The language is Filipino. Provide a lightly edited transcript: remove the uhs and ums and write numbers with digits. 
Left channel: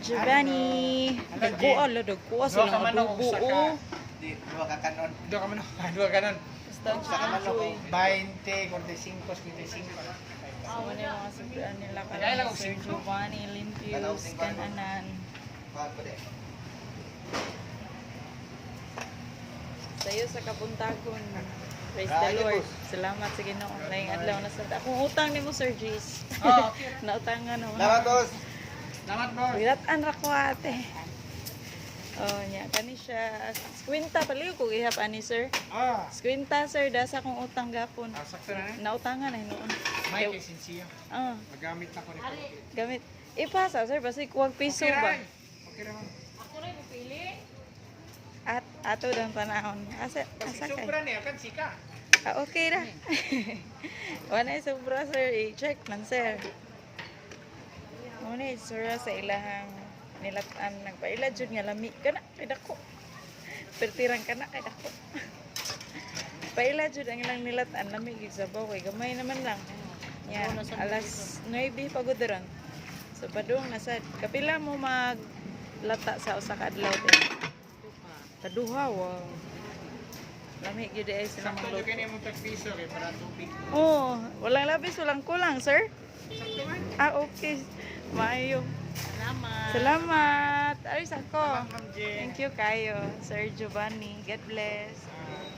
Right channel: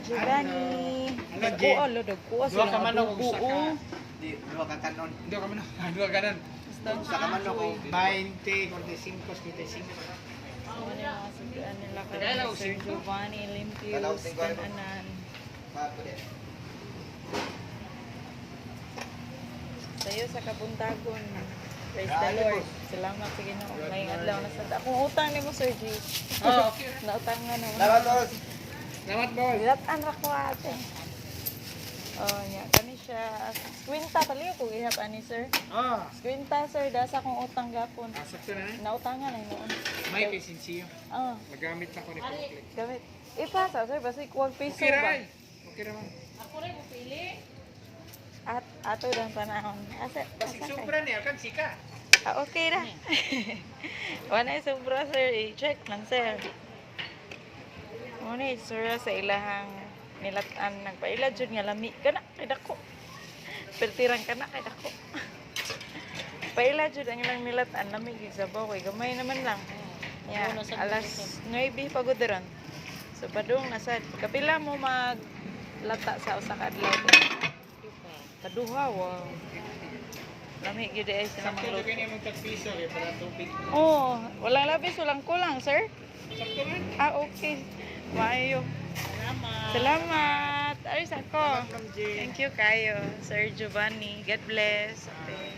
Giovanni. Dagko ala, dagko Dua ka sila manok, adobo. usa ka. Oh. Dua ka kanon. Dua ka man. Dua ka nan. Sa kamano ko. 20, 45, 75. So, ano yung mga sudan nila Kaya lang, kay Sir Giovanni, Limpios, Kananan. Sayo sa kabuntagon. Praise the Lord. Salamat sa Ginoo. Laing adlaw na sa akong utang nimo Sir G. Oo. Nautangan no. Salamat, boss. Salamat, boss. Wilatan ra ko ate. Oh, nya kani siya. Kwenta paliw ko ihap ani sir. Ah. Kwenta sir dasa akong utang gapon. Sakto na. Nautangan ay noon. May lisensiya. Oh, Magamit na ko nito. gamit. Ipasa sir basi kuwag piso ba? Okay naman. At ato dang panahon. Asa Kasi asa kay? sobra niya kan sika. Ah, okay ra. Wala sobra sir, i-check man sir. Muna sir sa ilahang nilatan nagpaila jud nga lami kana kay dako. Pertirang kana kay dako. Paila jud ang ilang nilatan lami gid sa baw kay gamay naman lang. Ya, alas 9 pagod ron. So padung nasa kapila mo maglata sa usa ka adlaw. Kaduha wow. Lami gid ay sila Sakto magluto. din yung piso kay para tupid. Oh, walang labis, walang kulang, sir. Sakto man. Ah, okay. Maayo. Salamat. Ayos ako. Ma'am Jen. Thank you kayo, Sir Giovanni. God bless. Okay.